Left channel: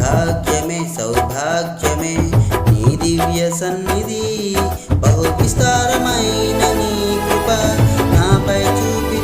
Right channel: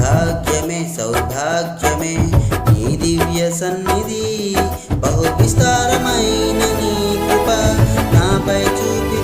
భాగ్యమే సౌభాగ్యమే నీ దివ్య సన్నిధి, బహు విస్తారమైన నీ కృప నాపై చూపి